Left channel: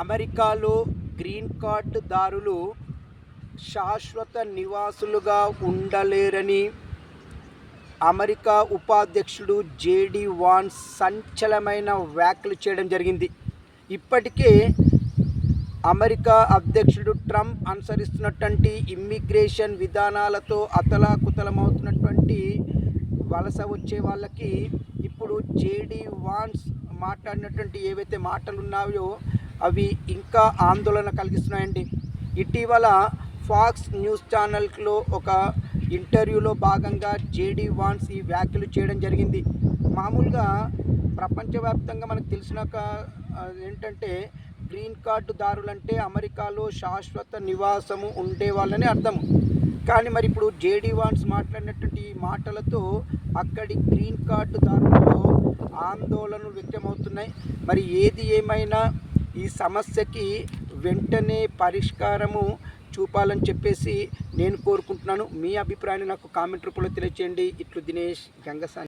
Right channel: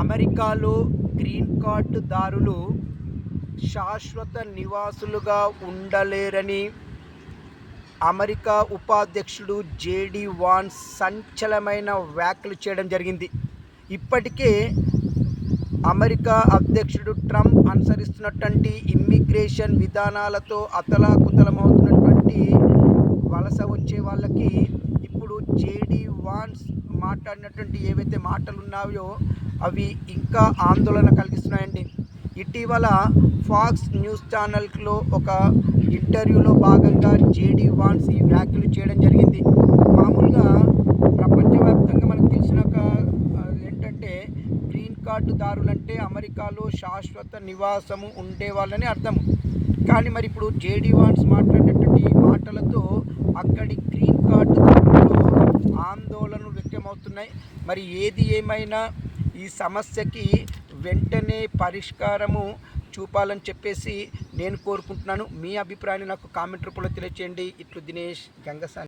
అమెరికాలో గ్రీన్ కార్డుదారులు శాశ్వత నివాసులుగా ఉండలేరని అమెరికా ఉపాధ్యక్షుడు జేడీ వాన్స్ సంచలనమైన వ్యాఖ్యలు చేయడం జరిగింది. ఇప్పటికే అమెరికా అధ్యక్షుడు ట్రంప్ అనుసరిస్తున్నటువంటి ఇమ్మిగ్రేషన్ విధానాలతో అతలాకుతలమవుతున్నటువంటి వలస వచ్చే వాళ్ళకి ఇప్పుడు జేడీ వాన్స్ మాట్లాడినటువంటి ఏవైతే మాటలు ఉన్నాయో అవి ఇంకా ఆందోళన కలిగిస్తున్నాయండి. ఇటీవల ఫాక్స్ న్యూస్ ఛానల్లో ఒక ఇంటర్వ్యూలో భాగంగా జేడీ వాన్స్ ఈ వ్యాఖ్యలు చేయడం జరిగింది. మామూలుగా ప్రపంచవ్యాప్తంగా మనకు తెలిసిన ఏంటంటే గ్రీన్ కార్డుదారులంటే అమెరికాలో శాశ్వత నివాసము ఉండేవాళ్ళని అర్థం. కానీ మరి ఇప్పుడు జేడీ వాన్స్ మాట్లాడినటువంటి మాటలతో అక్కడి గ్రీన్ కార్డుదారులలో ఆందోళనలు వ్యక్తమవుతున్నాయి. మరి ఏది ఏమైనా ఈ సమస్యకి వెంటనే పరిష్కారము చూపాలని చెప్పేసి నేను కోరుకుంటున్నాను. మీ అభిప్రాయాన్ని నాకు కామెంట్ రూపంలో తెలియజేయండి. ఇట్లు దినేష్ గంగసాని.